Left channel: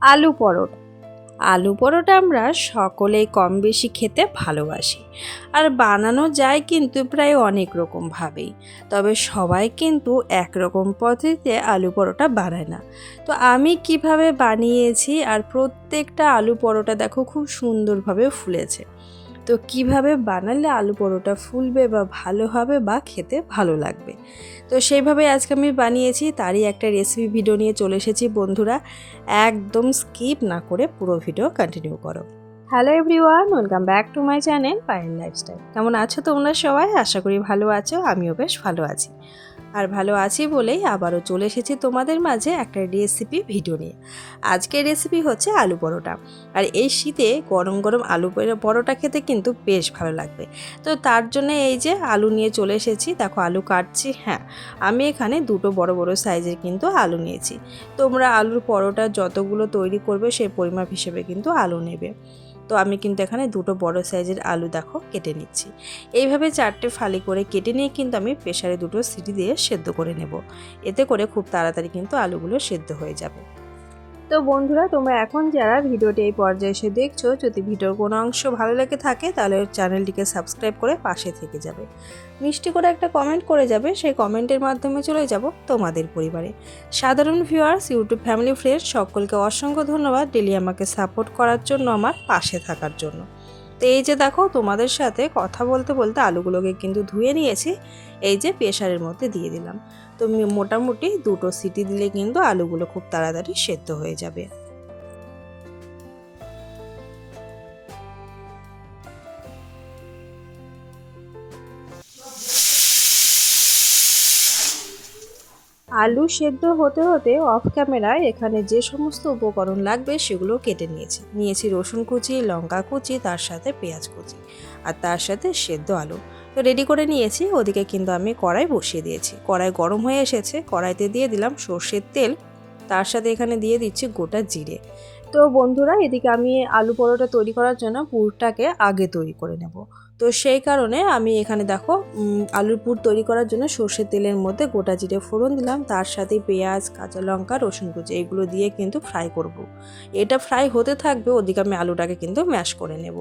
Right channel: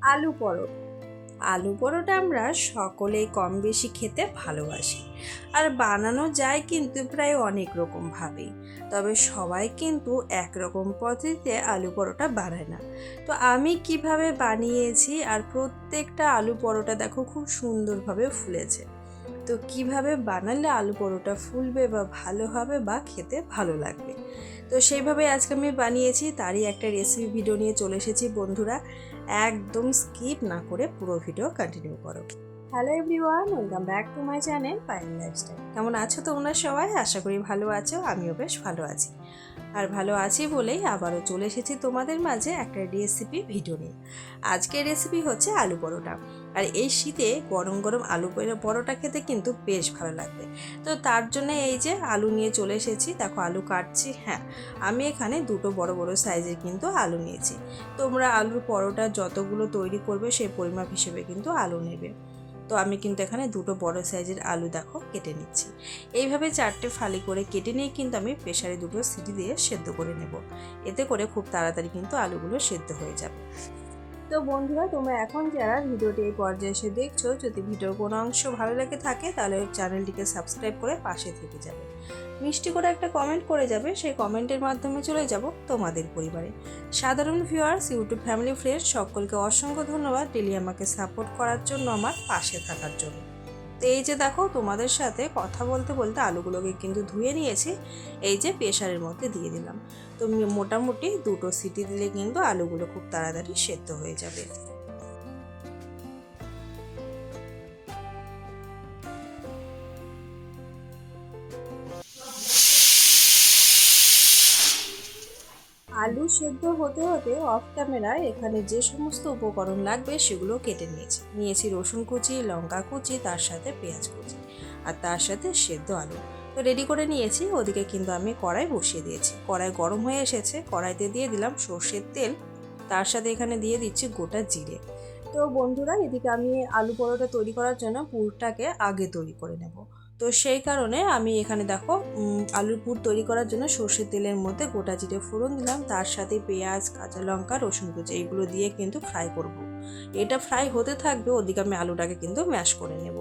আলু পরোটা। আলু পরোটা আমরা সকলেই কম বেশি খেতে ভালোবাসি। আর বানানো যায় কিন্তু প্রায় অনেক রকমভাবেই। তবে সবাই কিন্তু একরকম পদ্ধতিতে আলু পরোটা বানায় না। তো আমি কীভাবে বানিয়েছি আর প্রত্যেকটা আলু পরোটা দেখো খুব সুন্দরভাবে ফুলেছে। তো কীভাবে বানালে আলু পরোটা ফুলবে বা ভালো হবে বা খেতে ভালো লাগবে? তো সেইভাবে আজকে আমি বানিয়েছি, তারই একটা রেসিপি ভিডিও নিয়ে চলে এসেছি বন্ধুরা। একদম স্কিপ না করে পুরো ভিডিও কন্টিনিউ করো। Hello everyone welcome back to my channel Payel lifestyle কেমন আছো তোমরা সবাই? আশা করি ভালো আছো, আমিও বেশ ভালো আছি। আর ভালো আছি বলেই আবারও চলে এসেছি তোমাদের মাঝে একটা রেসিপি ভিডিও নিয়ে। আজকের রেসিপি হচ্ছে আলু পরোটা। আর এই শীতে গরম গরম আলু পরোটা খেতে কিন্তু বেশ ভালো লাগবে। তো তার জন্য এই যে আলু নিয়ে চলে এসেছি, দেখো আলু কাটছি হ্যাঁ। আমি এখানে দুটো বড় বড় সাইজের কিন্তু আলু নিয়েছি। তোমরা আলুর পরোটা যতগুলো তৈরি করবে সেই পরিমাপ হিসেবে কিন্তু আলু নেবে। তো আমি কিন্তু এখানে দুটো বড় সাইজের আলু দেখো কেটে নিচ্ছি। এইভাবে চারটে ফালি করে কেটে নিয়ে কিন্তু আমি প্রেশারে দুটো সিটি দিয়ে সেদ্ধ করে নেব। এতে করে খুব তাড়াতাড়ি কিন্তু আলুগুলো সেদ্ধ হয়ে যাবে। তো বন্ধুরা, তোমরা এখন যারা ভিডিওটি এই পর্যায়ে এসে দেখছ, যদি ভিডিওর কোনো অংশ ভালো লেগে থাকে, তাহলে চ্যানেলটিকে সাবস্ক্রাইব করে পাশে থেকে যাবে। মিষ্টি করে একটা কমেন্ট করে যাবে, সেই কমেন্টের মাধ্যমে চলে যাব তোমাদের পরিবারে। সাধারণ ভিউয়ার্স ইউটিউব ফ্যামিলি ফ্রেন্ড সকলকে অসংখ্য ধন্যবাদ। ডেলি আমাকে সাপোর্ট করার জন্য, আমার পাশে থাকার জন্য। তো এই যে দেখো তোমাদের সাথে কথা বলতে বলতে আলুগুলোকে কিন্তু ধুয়ে নিয়েছি। এই যে প্রেশারের মধ্যে দিয়ে দিলাম। তো মোটামুটি দুটো সিটি দিলে কিন্তু আলুগুলো খুব তাড়াতাড়ি সেদ্ধ হয়ে যাবে। আলু সেদ্ধ হতে হতে অফ ক্যামেরায় এখানে যে সমস্ত উপকরণ লাগবে সেগুলো কেটে নিয়েছি। নিয়েছি রসুন কুচি, লঙ্কা কুচি, তার সাথে পেঁয়াজ কুচি আর তার সাথে সেদ্ধ আলু। তো রেডি করে নিয়েছি, ওদিকে কিন্তু আমি কড়াই বসিয়ে দিয়েছি। কড়াই গরম হয়ে এসেছে, কড়াইতে দিয়ে দিলাম সর্ষের তেল। তার সাথে এখানে দিয়ে দিচ্ছি গোটা জিরে। তো বন্ধুরা, এদিকে আমি আলু পরোটা তৈরি করার জন্য পুরটাকে আগে তৈরি করে নেব। তো সেই কারণে আমি এখানে দেখো আলুর পুর তৈরি করার জন্য সর্ষের তেলের মধ্যে গোটা জিরে ফোড়ন দিলাম তার সাথে পেঁয়াজ, কাঁচা লঙ্কা, রসুন কুচি এগুলো দিয়ে কিন্তু ফ্রাই করব। এটা ফ্রাই হতে থাকবে, ওদিকে আমি আলুটাকে কিন্তু ম্যাশ করে নেব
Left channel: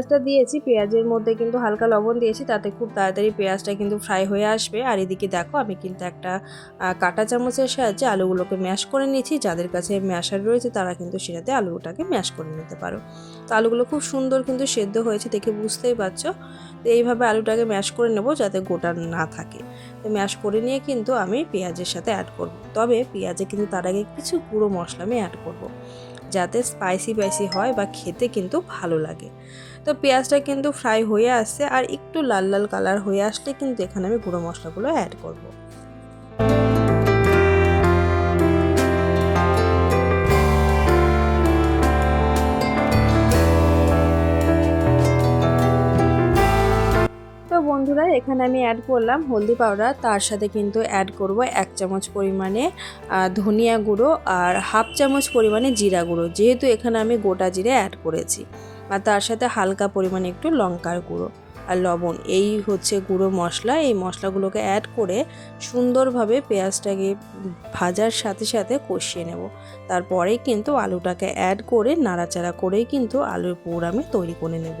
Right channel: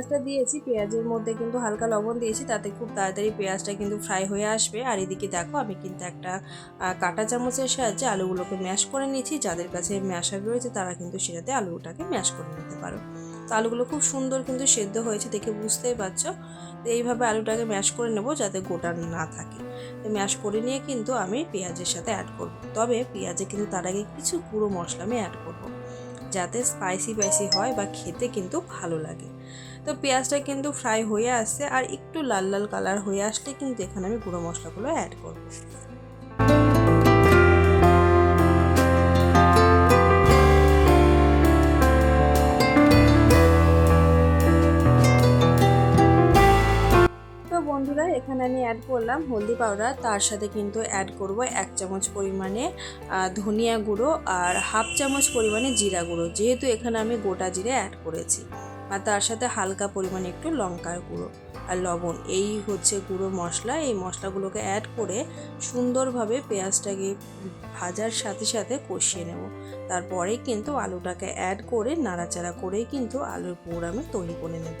পেঁয়াজটা দিয়েছি, পেঁয়াজের মধ্যে কিন্তু হালকা লবণ দিয়েছি, তাতে খুব তাড়াতাড়ি পেঁয়াজটা কিন্তু ফ্রাই হয়ে আসবে। আর এদিকে দেখো, আমি কিন্তু একটা কাঁটা চামচের সাহায্যে আলুগুলোকে ম্যাশ করে নিয়েছি। যাদের কাছে ম্যাশার রয়েছে, তারা কিন্তু সেটাতে আলুটাকে ম্যাশ করে নিতে পারো। তো আলুগুলো খুব সুন্দর কিন্তু সেদ্ধ হয়েছে, দেখে বুঝতেই পারছ। তো এইভাবে আলুটাকে ম্যাশ করে নেব, যাতে গোটা না থাকে। তো ম্যাশ করে নিয়ে কিন্তু আমি পেঁয়াজের সাথে অ্যাড করব। তবে পেঁয়াজে কিন্তু তার আগে কিছু গুঁড়ো মশলা আমি অ্যাড করব। যাতে স্পাইসি স্পাইসি হয় বা খেতে কিন্তু ভালো লাগে। তো পেঁয়াজটা কিন্তু ফ্রাই হয়ে আসছে আর একটু লাল লাল কালার হয়ে আসলে কিন্তু এখানে আমি গুঁড়ো মশলাগুলো অ্যাড করব। এখানে আমি অ্যাড করলাম হলদি পাউডার তার সাথে কিন্তু অ্যাড করব এক চামচ পরিমাণে ধনিয়া গুঁড়ো আর হাফ চামচ পরিমাণে জিরা গুঁড়ো, যেহেতু এখানে আমি গোটা জিরে অ্যাড করেছি। আর তার সাথে হালকা পরিমাণে একটু লঙ্কার গুঁড়ো আর লবণ, এই হচ্ছে গুঁড়ো মশলা। এই মশলাগুলোকে অ্যাড করে সুন্দরভাবে পেঁয়াজটাকে ভাজার সাথে সাথে কষিয়ে নেব। তারপরেই কিন্তু আলুটাকে অ্যাড করে নাড়াচাড়া করেই কিন্তু আলুর পুর আমি তৈরি করে নেব।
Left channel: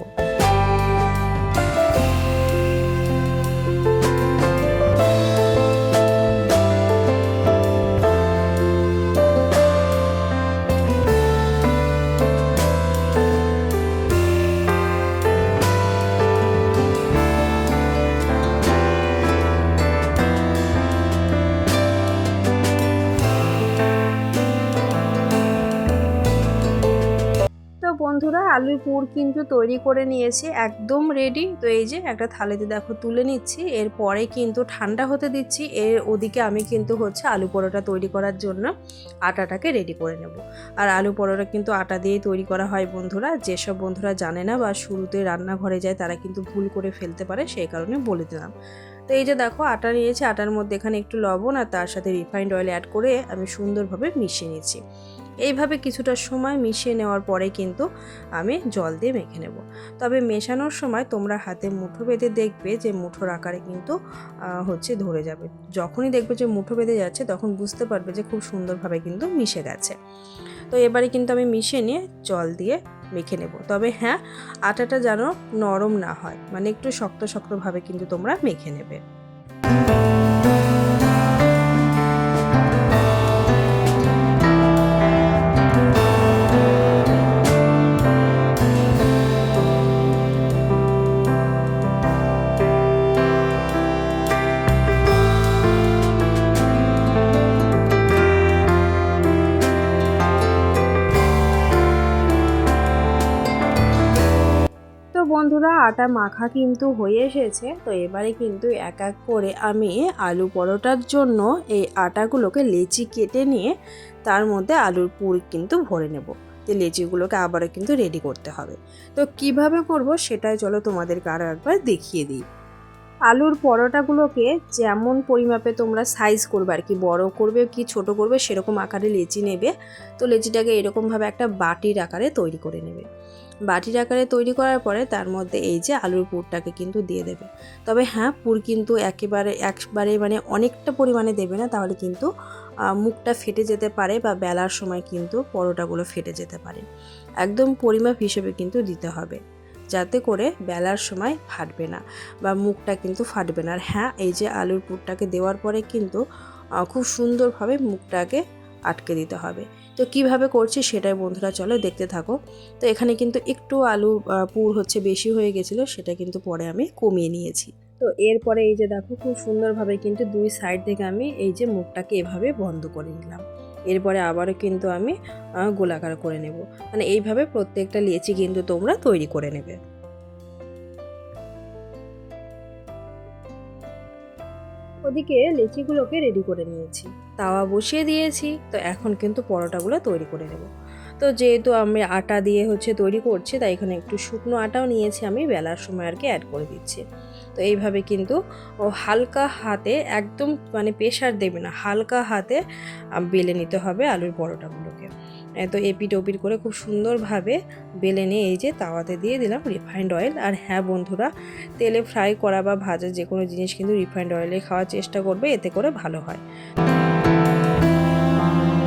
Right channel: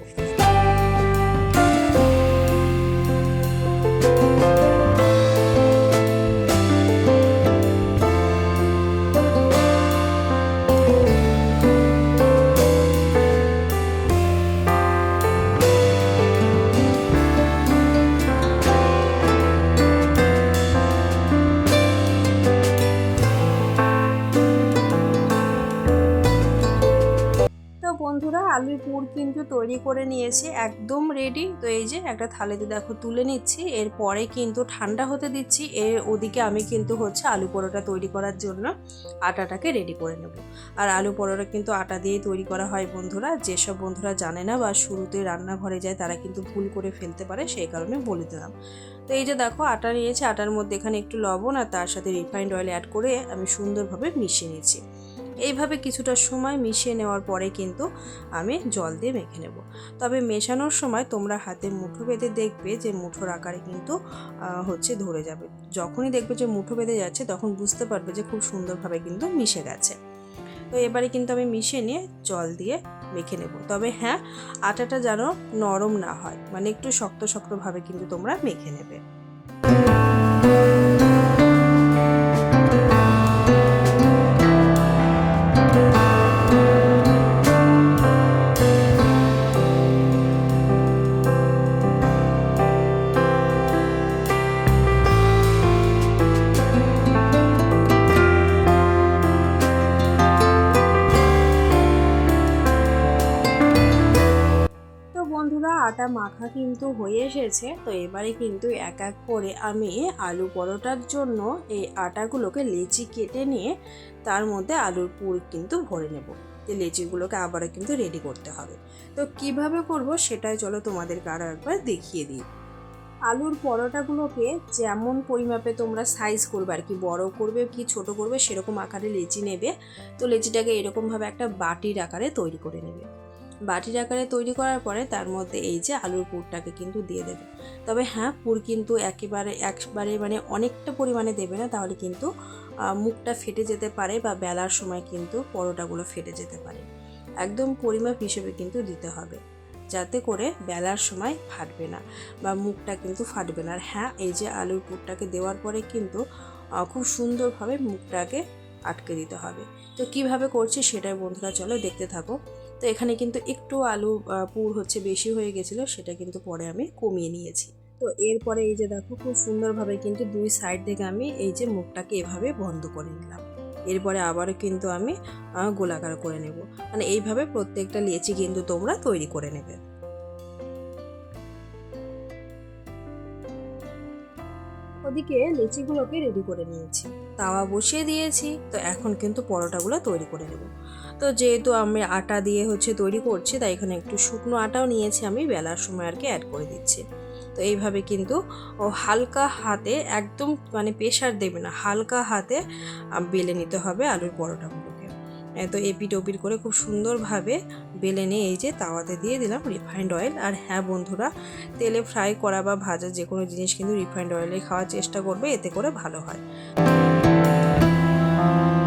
বন্ধুরা আলুর পুর কিন্তু তৈরি করে নিয়েছি, একদম রেডি তো এই যে একটা থালিতে দেখো তুলে নিচ্ছি, এরপরে কিন্তু ঠান্ডা হতে দিচ্ছি, এর ওদিকে আমি কিন্তু হচ্ছে আলু পরোটা তৈরি করার জন্য আটাটাকে রেডি করে নেব। আর আলু পরোটা কিন্তু আটা দিয়েই তৈরি করা হয় বন্ধুরা, যেসব বন্ধুরা জানে না বা শুরুতে রান্নাঘরে যায় তারা কিন্তু ভুল করে ফেলতে পারে, সেই কারণে বলে দিলাম। তো এই যে দেখো আটা নিয়েছি, আটার মধ্যে এখানে একটু লবণ আর তার সাথে রিফাইন্ড অয়েল অ্যাড করে আমি সুন্দরভাবে মিশিয়ে নিচ্ছি এইভাবে কিছুটা সময় মিশিয়ে নেওয়ার পরে কিন্তু আমি জল দিয়ে মেখে নেব। তবে মেশানোর সময় তোমরা হাতে মুঠো বেঁধে দেখবে যে মুঠোর আকারে কিন্তু হচ্ছে ধরে যাবে। যখনই দেখবে যে মুঠো বেঁধে যাচ্ছে, তখন বুঝতে পারবে যে খুব সুন্দরভাবে কিন্তু মিশে গেছে। তো এবারে কিন্তু আমি মিশিয়ে নিয়ে জল দিয়ে মেখে নেব। তবে হ্যাঁ আটাটা যেন নরম না হয় মানে একটু শক্ত শক্তভাবে কিন্তু তোমরা মেখে নেবে। বন্ধুরা, আটা মাখা কিন্তু হয়ে এসেছে। তো এবারে কিন্তু এক এক করে আমি আলু পরোটার জন্য এই আটাগুলোকে লেচি কেটে নিয়ে তার মধ্যে আলুর পুর কিন্তু ভরে নেব। তো লেচিগুলোকে আবারও কিন্তু রেডি করতে হবে। তো কীভাবে করব সেটাই চলো তোমাদেরকে আরও একবার দেখিয়ে দিই। আলুর পরোটাগুলোকে যেমন পরিমাপে তোমরা সাইজ করবে আর কি, বড় করবে কি ছোট করবে সেরকম আকারে লেচি নেবে। তো লেচিটাকে এরকমভাবে একটা বাটির আকারে তৈরি করে নেবে। বাটির আকারে তৈরি করার পরে তার মধ্যে এই যে আলুর পুরটাকে কিন্তু দিয়ে দেবে। তবে হ্যাঁ পুর কিন্তু একেবারে, একবারে মানে অনেকটা পরিমাণে দেবে না, তাহলে কিন্তু মুখটা ফেটে যেতে পারে বা বেলার সময় কিন্তু পরোটাগুলো ফেটে যেতে পারে। একদম পরিমাপ হিসেবে কিন্তু দিতে হবে, যাতে করে বেলার সময় ফাটবে না বা মুখটা কিন্তু ফাটবে না। আর হ্যাঁ এই যে আলুর পুরটাকে দেওয়ার পরে কিন্তু খুব সুন্দরভাবে মুখটাকে আটকে দিতে হবে। তো কীভাবে করছি সেটাই বন্ধুরা চলো দেখতে থাকো। তো এখানে কিন্তু একটু আলু পুর হচ্ছে বেশি হয়ে গেছিল, সেটা কিন্তু পরে আমি কমিয়ে নিয়েছি। তো এরপরে এই যে দেখো খুব সুন্দরভাবে কিন্তু দুই সাইড থেকে আমি এই যে মুখটাকে এভাবে বন্ধ করে নিলাম। এরপরে আবারও কিন্তু আমি গোলাকার করে নেব। মানে এইভাবে প্রত্যেকটা লেচি কিন্তু তোমরা তৈরি করে নেবে। ওদিকে লেচিগুলোকে রেডি করে নিয়েছি। তাওয়া বসিয়ে দিয়েছি, তো এখন কিন্তু পরোটাগুলো তৈরি করে নেব। তো যেহেতু আমি আটা দিয়ে হচ্ছে তৈরি করছি, তাই এখানে একটু শুকনো আটাও নিয়েছি আমি, বেলার সময় আর কি অ্যাড করে দিচ্ছি। তো এইভাবে কিন্তু ও হালকা হাতে একদম মানে প্রেশার দেবে না, হালকা হাতে বেলে নিতে হবে আলুর পরোটাগুলোকে। তো এপিট ওপিট করে খুব সুন্দরভাবে বেলে নিয়ে এই যে তাওয়াতে দিয়ে দিলাম রিফাইন্ড অয়েল আর হ্যাঁ বন্ধুরা, তেলে ফ্রাই করা বা ভাজা যে কোনো জিনিস কিন্তু রিফাইন্ড অয়েলে খাওয়ার চেষ্টা করবে, এতে করে ভালো হয়।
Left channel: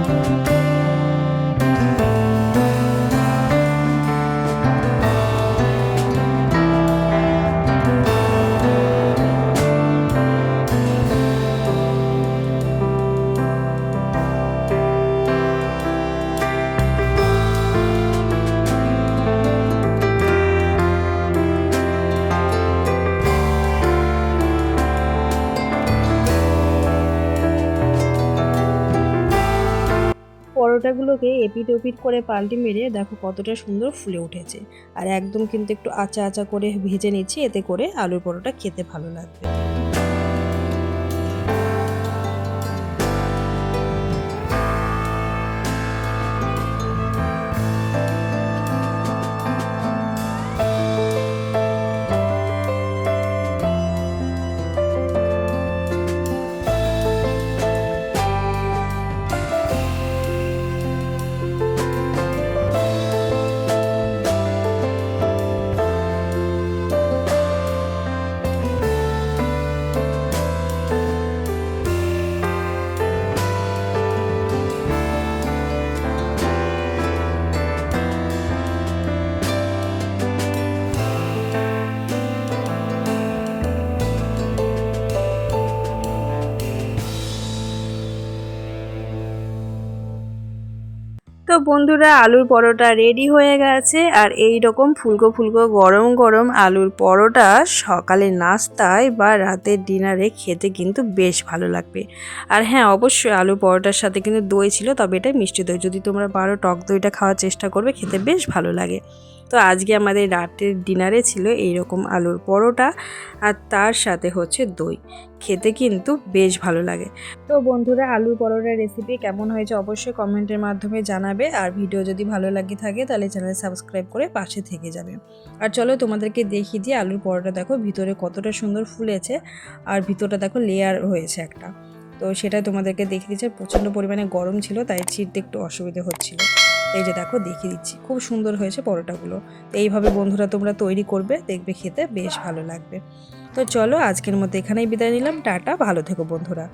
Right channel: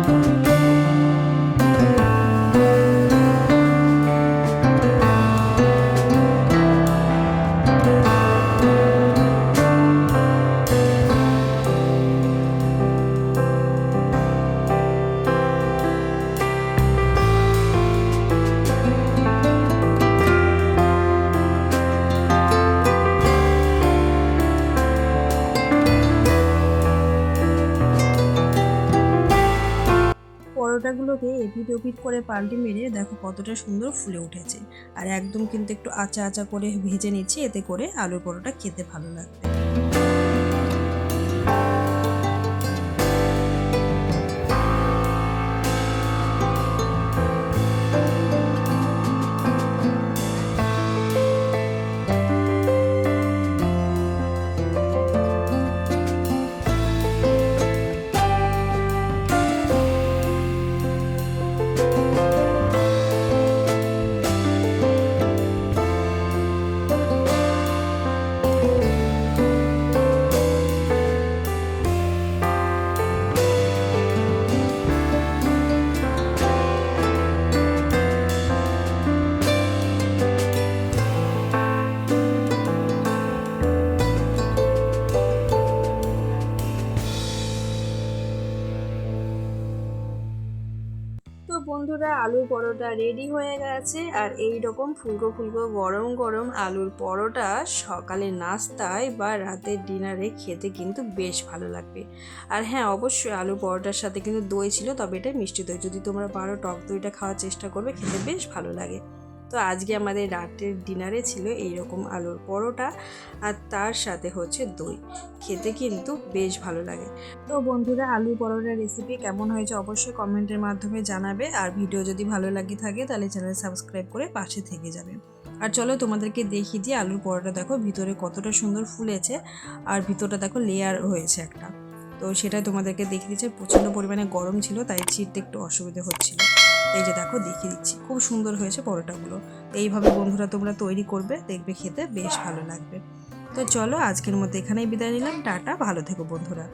Música পরোটাগুলোকে এপিট ওপিট করে পাল্টি মেরে দেখো কতটা সুন্দর ফুলে উঠেছে। আর একদম কিন্তু একটু আচা আচা করে ভেজে নিচ্ছি, এতে করে আলুর পরোটা খেতে ভালো লাগবে। বন্ধুরা, আলুর পরোটা রেডি হয়ে গেছে। আর এই রকম ফুলকো ফুলকো গরম গরম আলুর পরোটা সকালে নাস্তায় বা রাতের ডিনারে খেতে কিন্তু বেশ ভালো লাগবে। আর হ্যাঁ অবশ্যই আলুর পরোটার সাথে কিন্তু দই ছিল, তবে এটা মিষ্টি দই। যদি তোমরা পারো টক দইটা খাওয়ার চেষ্টা করবে, খেতে বেশ ভালো লাগে। তো আজকে আমাদের রাতের ডিনারে ছিল এইরকম আলুর পরোটা আর তার সাথে হচ্ছে দই। খেতে কিন্তু বেশ ভালো লাগে। তো বন্ধুরা, আলুর পরোটার রেসিপি কেমন হয়েছে অবশ্যই কমেন্টের মাধ্যমে জানাবে। আর ভিডিও যদি ভালো লাগে থাকে, তাহলে চ্যানেল সাবস্ক্রাইব করে পাশে থেকে যাবে। আর চলো তোমাদেরকে দেখিয়ে দিই আলুর পরোটা দেখো ভিতরে কতটা সুন্দর ফুলেছে আর ভিতরটা দেখো লেয়ার হয়েছে একটা। তো সেটা তোমাদেরকে দেখিয়ে দিচ্ছে। প্রচণ্ড পরিমাণে গরম ছিল, তাই ছিটতে একটু অসুবিধে হচ্ছিল। এই যে দেখো দেখিয়ে দিচ্ছি, খুব সুন্দর হয়েছে পরোটাগুলো। এইভাবে বন্ধুরা তোমরা তৈরি করবে, দেখবে খেতে বেশ ভালো লাগবে। তো চলো আজকের মতো এখানেই বিদায় নিলাম, টাটা, ভালো থেকো বন্ধুরা।